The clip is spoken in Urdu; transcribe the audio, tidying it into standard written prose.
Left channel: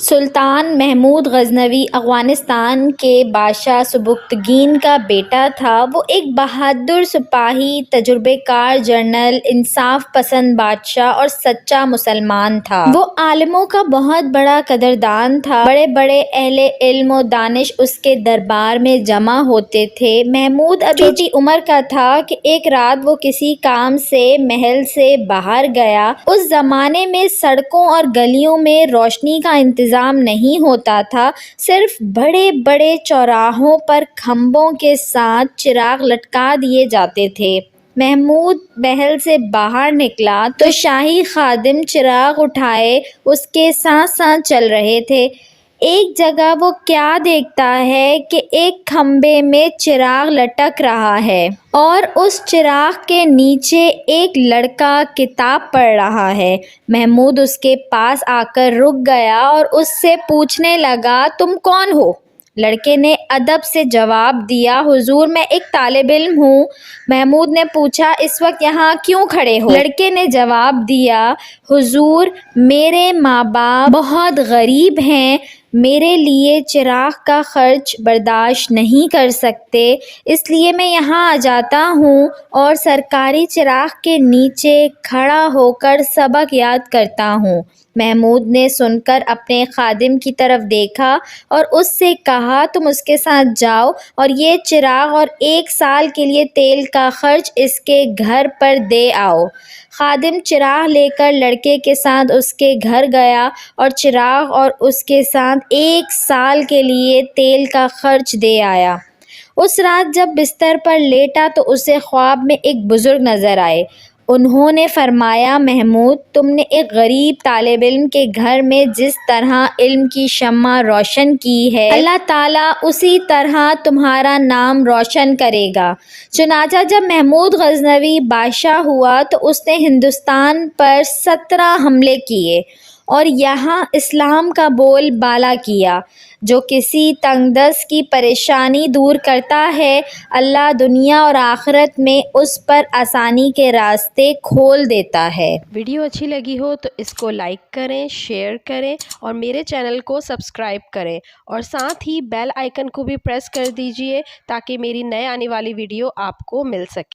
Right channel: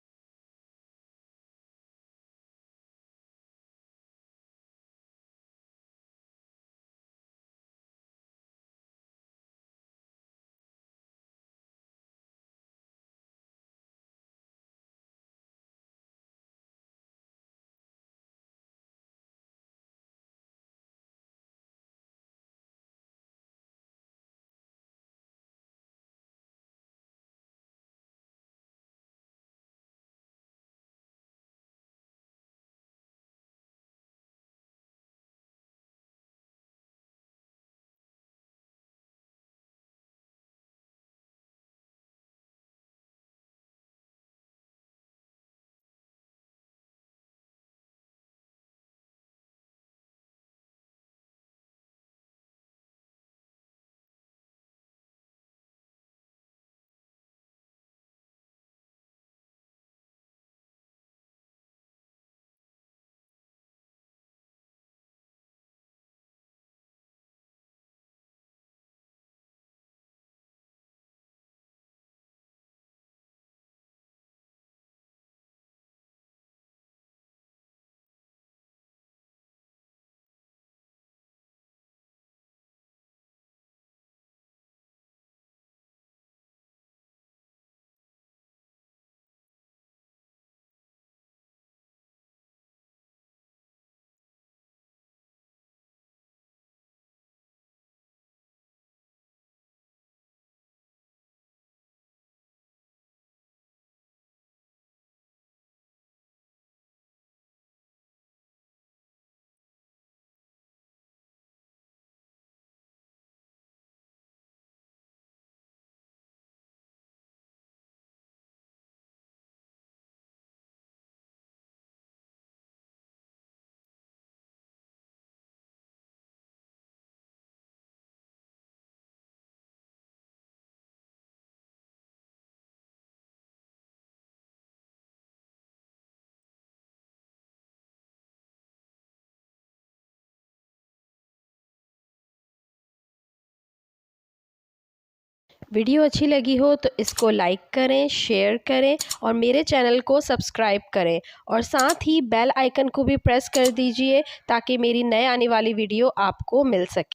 سلطان محمود غزنوی افغانستان کے بادشاہ سبکتگین کا بیٹا تھا۔ وہ ایک بہادر سپاہی، تجربہ کار جنرل، انصاف پسند بادشاہ اور سچا مسلمان تھا۔ وہ عالموں کا بہت بڑا قدردان تھا۔ بڑے بڑے اہل علم و دانش اس کے دربار میں جمع ہوتے تھے۔ محمود ابھی چھوٹی عمر کا تھا کہ ایک رات وہ کسی کام سے محل سے باہر گیا۔ اس زمانے میں سڑکوں اور گلیوں میں روشنی کا انتظام نہیں ہوتا تھا، صرف بڑے بڑے چوراہوں پر کھمبوں کے ساتھ چراغ لٹکا دیے جاتے تھے۔ محمود محل سے باہر نکلا تو شاہی خادم چراغ اٹھائے اس کے ساتھ ساتھ چل رہے تھے۔ ایک جگہ وہ کیا دیکھتا ہے کہ ایک کھمبے میں چراغ لٹک رہا ہے اور اس چراغ کے نیچے ایک لڑکا کتاب پڑھ رہا ہے۔ محمود اس کے پاس آ کر رک گیا اور اس سے پوچھنے لگا، تم کون ہو؟ لڑکے نے ادب سے جواب دیا، حضور میں ایک طالب علم ہوں۔ محمود نے پوچھا، اس وقت یہاں کیوں کھڑے ہو؟ لڑکے نے جواب دیا، حضور میرے ماں باپ بہت غریب ہیں، میرے لیے چراغ کا خرچ برداشت نہیں کر سکتے، اس لیے میں یہاں آ جاتا ہوں اور سرکاری چراغ کے نیچے کھڑا ہو کر سبق یاد کرتا ہوں۔ محمود نے سن کر اپنے خادم کی طرف دیکھا اور اس سے کہا، تم اس کے ساتھ جاؤ اور یہ چراغ اور 1 سال کے لیے تیل کا خرچ اس کے گھر پر دے آؤ۔ خادم چراغ لے کر لڑکے کے ساتھ اس کے گھر گیا اور چراغ اور اس کے ساتھ 1 سال کے لیے تیل کا خرچ دے آیا۔ اس رات جب بستر پر لیٹا تو اسے خواب میں ایک بزرگ نظر آئے۔ انہوں نے فرمایا، محمود تم نے ایک غریب طالب علم کے گھر میں جس طرح علم کی شمع روشن کی ہے، اللہ تعالیٰ اسی طرح تمہارا نام روشن کرے گا۔ چنانچہ جب محمود غزنوی بادشاہ ہوا تو اس نے ہندوستان پر 17 حملے کیے اور یہاں اسلام کا بول بالا کیا۔ جو کسی تنگ دست کی پریشانی دور کرتا ہے، اللہ دنیا اور آخرت میں اس پر آسانی کے راستے کھول دیتا ہے۔ ویڈیو اچھی لگی ہو تو اس کو لائک کریں، شیئر کریں اور میرے چینل کو سبسکرائب کریں اور ساتھ ہی بیل آئیکن کو بھی پریس کر دیجئے تاکہ میری نئے آنے والی ویڈیو آپ کو مل سکے۔